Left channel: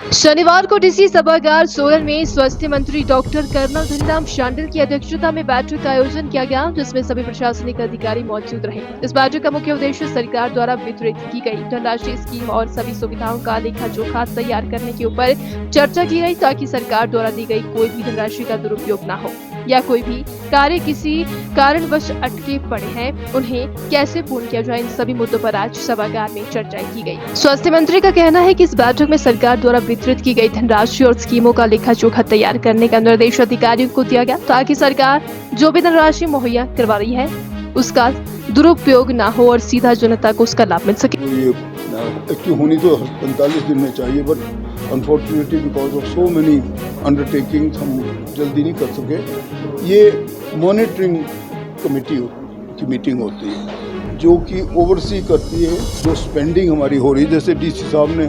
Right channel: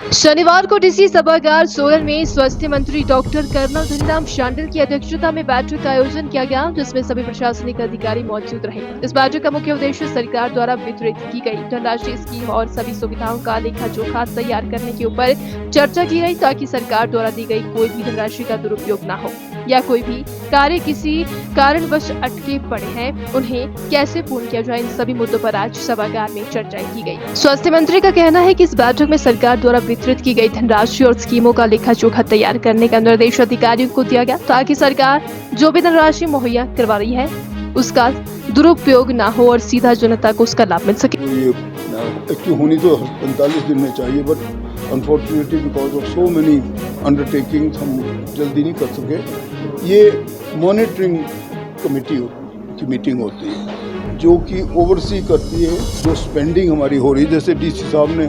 शनिवार को डीसी सभागार सोलन में स्वास्थ्य मंत्री डॉक्टर कर्नल धनीराम शांडिल की अध्यक्षता में बैठक का आयोजन किया गया, जिसमें सभी प्रशासनिक अधिकारी मौजूद रहे। इस बैठक का मुख्य उद्देश्य सरकार द्वारा वितरित की गई धनराशि स्कीम और सभी सुविधाओं का लेखा जोखा तैयार करने के ऊपर चर्चा की गई, ताकि सरकार द्वारा दी गई कोई भी धनराशि का दुरुपयोग न हो या कोई भी कार्य किसी कारणवश अटके पड़े हैं उन्हें कैसे पूर्ण किया जाए। इन सभी मुद्दों पर आज सभागार में चर्चा की गई। स्वास्थ्य मंत्री का कहना है कि इस बैठक में सरकार द्वारा वितरित की गई धनराशि और स्कीमों का लेखा जोखा तैयार करने का निर्देश अधिकारियों को दिया गया, ताकि सरकार जो भी धनराशि मुहैया करवा रही है उसका दुरुपयोग न हो और सीधा जनता को उसका लाभ मिल सके। ये एक्टिव होनी तो 45 दिन में चाहिए, but unfortunately because of so many undertakings हम जल्दी नहीं कर सके। ये मॉनिटरिंग कमेटी की मीटिंग होती है जो कि ओवरसी करती है जो स्पेंडिंग हमारी हो रही है। जैसे डीसी साहब ने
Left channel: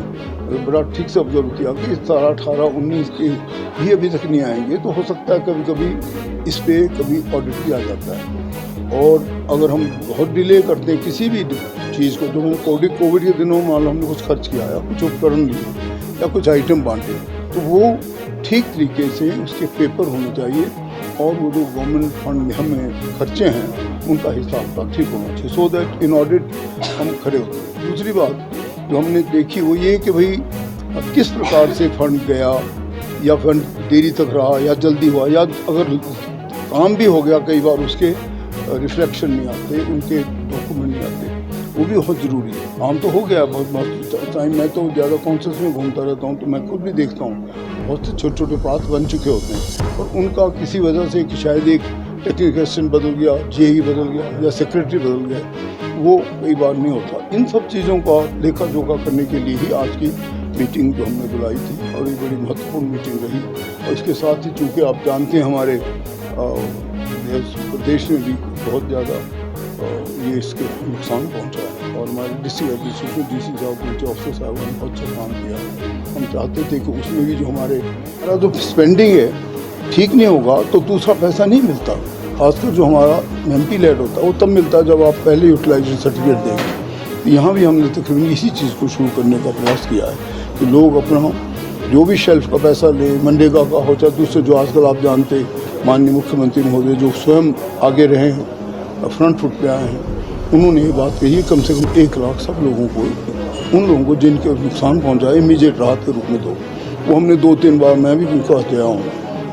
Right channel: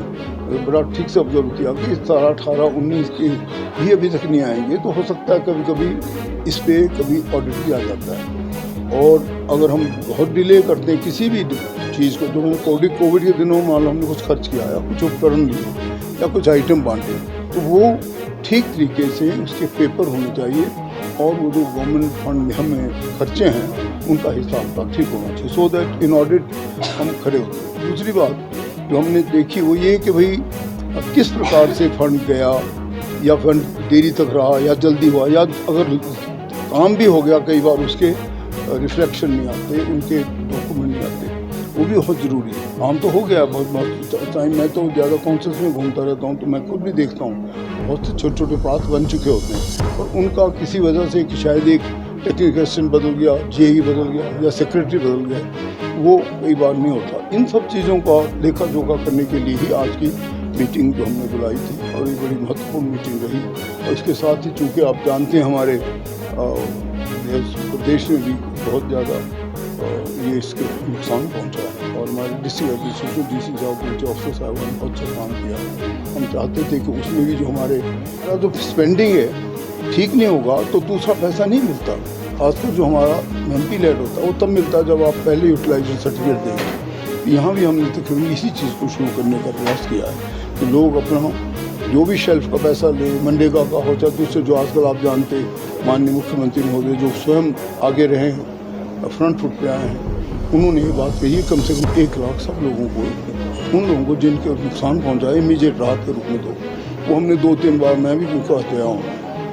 बड़ा ठीक से ऑब्जर्व किया कि 17, 18, 19 के भी अभी तक नहीं आएंगे, तो हो सकता है कभी कभी इस पे कभी ऑडिट भी आ जाता है। और अगर हम बहुत डिले करते हैं किसी भी चीज़ को, जो मैंने कोविड के दिनों में हमने कुछ खर्च किया या कुछ उपकरण लिए या कुछ आइटम बांटे, तो वो ठीक तरीके से उसके पेपर होने चाहिए और वो जो गवर्नमेंट फंड में हमें खर्चे हैं उनका हिसाब का ठीक होना चाहिए, सो दैट इन ऑडिट हम खड़े होते हैं। दूसरी बात जो हमने देखी वो ये कि भाई किस प्रकार से फंड गया या फंड देरी तक रहा या जल्दी हुआ, या अगर काम भी हो गया कई बार उसके रिफ्लेक्शन नहीं आते, उनके डॉक्यूमेंट नहीं आते, वो भी बहुत ज़रूरी है। काम तो हो गया बहुत टाइम, मैं तो ज़्यादा कॉन्शस में घूमता रहता हूँ, तो मैं खुद भी देखता हूँ बहुत से छोटे छोटे पाथ बन चुके होते हैं और उनका किसी वजह से कि शायद एक टेक्निकल असिस्टेंट बदल गया, जेई बदल गया या सेक्रेटरी बदल गया, वो कई बार नहीं होता। इन सब चीज़ों का लेखा जोखा करने के लिए ही आज की मीटिंग जो हमने बुलाई थी और ये बड़ी महत्वपूर्ण मीटिंग रही। और इसके साथ ही चूँकि आप जानते हैं हमारे प्रदेश में भी बहुत ज़्यादा ये इसके नुकसान पहुंचा है और हमारे डिस्ट्रिक्ट एडमिनिस्ट्रेशन डीसी साहब उनके ऑफिसर साहब ने बहुत अच्छा काम किया। हम चाहते थे कि उसमें भी जो हमारे जो स्पेंडिंग है ठीक नहीं होगा तो दूसरा पैसा नहीं मिलता, खासकर जो हमारा एमपी लेड होता है वो तब मिलता है जब आप पहले यूटिलाइजेशन सर्टिफिकेट देंगे। यहाँ भी हमने तकरीबन इसी चीज़ को शुरू करने का प्रयास किया है कि लोग अपना जो भी शेल्फ का पैसा ले, मनरेगा का हो चाहे दूसरे जो आजकल आप जानते माननीय मुख्यमंत्री महोदय जो स्वयं आगे रहे हैं, फ्रंट फुट पे आए हैं, उन्होंने ये बात कही कम से कम 1 लाख सब लोगों को, उन लोगों को जिनके नुकसान पहुंचा इमीडिएट राहत के रूप में दो। वो हमने 2-3 बार मैं भी उनको गया हूँ,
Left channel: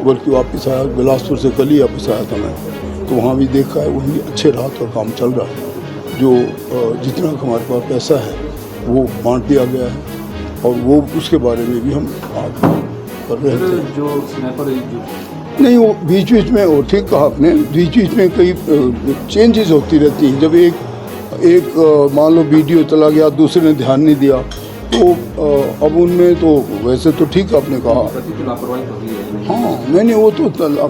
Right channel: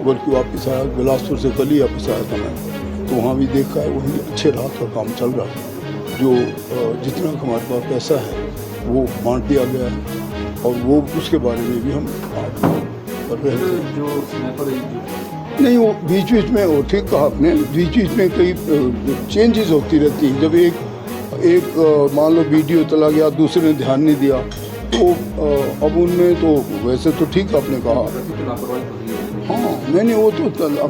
बल्कि वापस आया बिलासपुर से कल ही वापस आया था मैं, तो वहाँ भी देखा है वही अच्छे राहत का काम चल रहा है। जो जितना हमारे पास पैसा है वो बांट दिया गया है और वो उसके बारे में भी हम कर रहे थे। जो नहीं वो बीच बीच में वो ठीक कहा आपने, बीच बीच में कई चेंजेस होती रहती हैं। जब एक मान लो वीडियो चला गया, दूसरे ने ध्यान नहीं दिया, तो अब उनमें तो वैसे तो ठीक आपने कहा, हाँ नहीं वो तो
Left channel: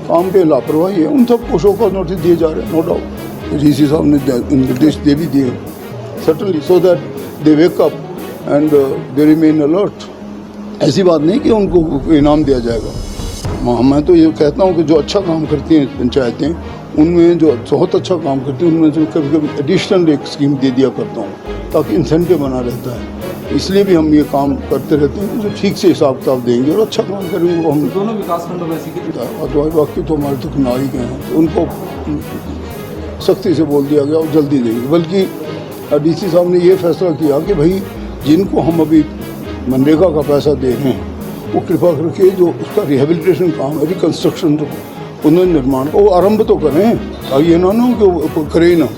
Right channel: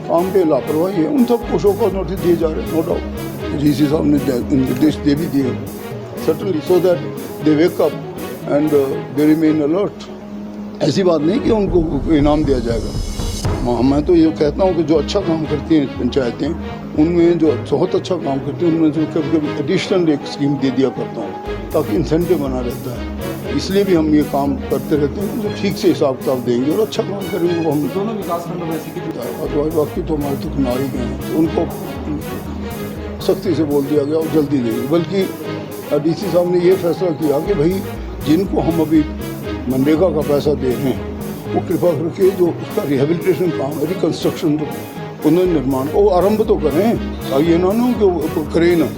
काम पे लापरवाही है, उन सब को शौक नोटिस दिए जा रहे हैं, नो डाउट डीसी साहब ने निर्देश दे भी दिए certainly, so that they wake up and they remain alert. ऐसी बात नहीं कि उनको इनाम दिया जाएगा। मैं तो ये कहता हूँ कि जो अच्छा काम करती हैं पंचायतें, उनमें जो बहुत अच्छा काम करती हैं उनमें जो कभी कभी एडिशनल एक स्कीम दे दिया करता हूँ ताकि इंसेंटिव बना रहता है। इसलिए भी हम ये काम करते रहते हैं, जो ठीक से हिसाब किताब देंगे और अच्छा काम करेंगे वो हम दोनों विकासखंड बाकी तो हमारे तक ना ही गए हैं, उनको सख्ती से बोल दिया गया और जल्दी देंगे। बल्कि डीसी साहब ने ये फैसला किया कि भाई जिनको हम अभी मनरेगा का पैसा दे रहे हैं वो कृपा करके जो उसका रिहेबिलिटेशन काम है, रिकन्स्ट्रक्शन पुनर्निर्माण को वो आरंभ तो करें, और ये ना हो कि वो करें ना।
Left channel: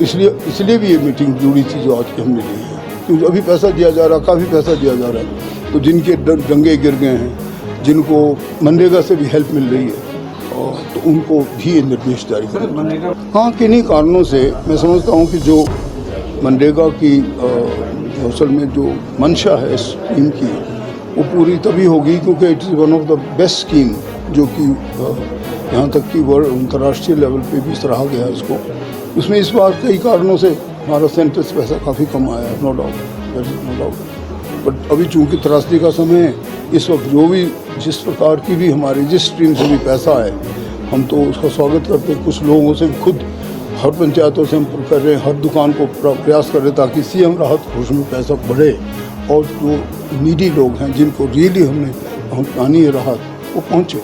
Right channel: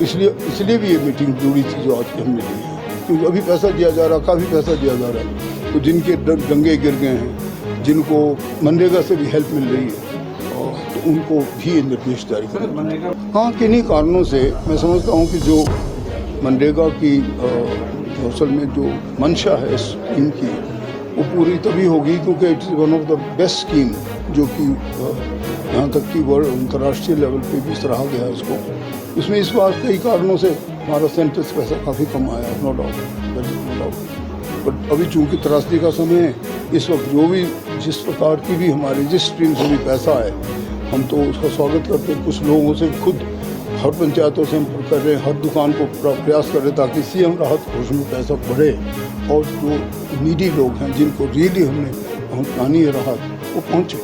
इसलिए भी ये मीटिंग जरूरी थी जो आज हमने ली है, क्योंकि अभी पैसा दिया जा रहा, काफ़ी पैसा दिया जा रहा है, तो जिनके जंगे गिर गए हैं, जिनको मनरेगा से भी हेल्प मिल रही है, तो उनको भी निर्देश जारी करें। हाँ, किन्हीं कारणों से मैं समझता हूँ कि जो मनरेगा की असल में जो मंशा है इस स्कीम की वो पूरी तभी होगी क्योंकि it is one of the best scheme, जो कि यहाँ तक कि वर्ल्ड अंतर्राष्ट्रीय लेवल पे भी सराहा गया है इसको। इसमें इस बात कई कारणों से हमारा सेंटर से पैसा काफ़ी कम आया है, नो डाउट, बट अभी चूँकि त्रासदी का समय है, इस वक्त जो भी जिस प्रकार की भी हमारी जिस स्ट्रीम से भी पैसा है हम तो उसका स्वागत करते हैं। कुछ लोगों से खुद हर पंचायतों से हम कर रहे हैं, हर दुकान को प्रयास कर रहे हैं ताकि सीएम राहत कोष में पैसा बढ़े और जो नीडी लोग हैं जिनको रियली हमने पहुँचानी है राहत वो पहुँचे।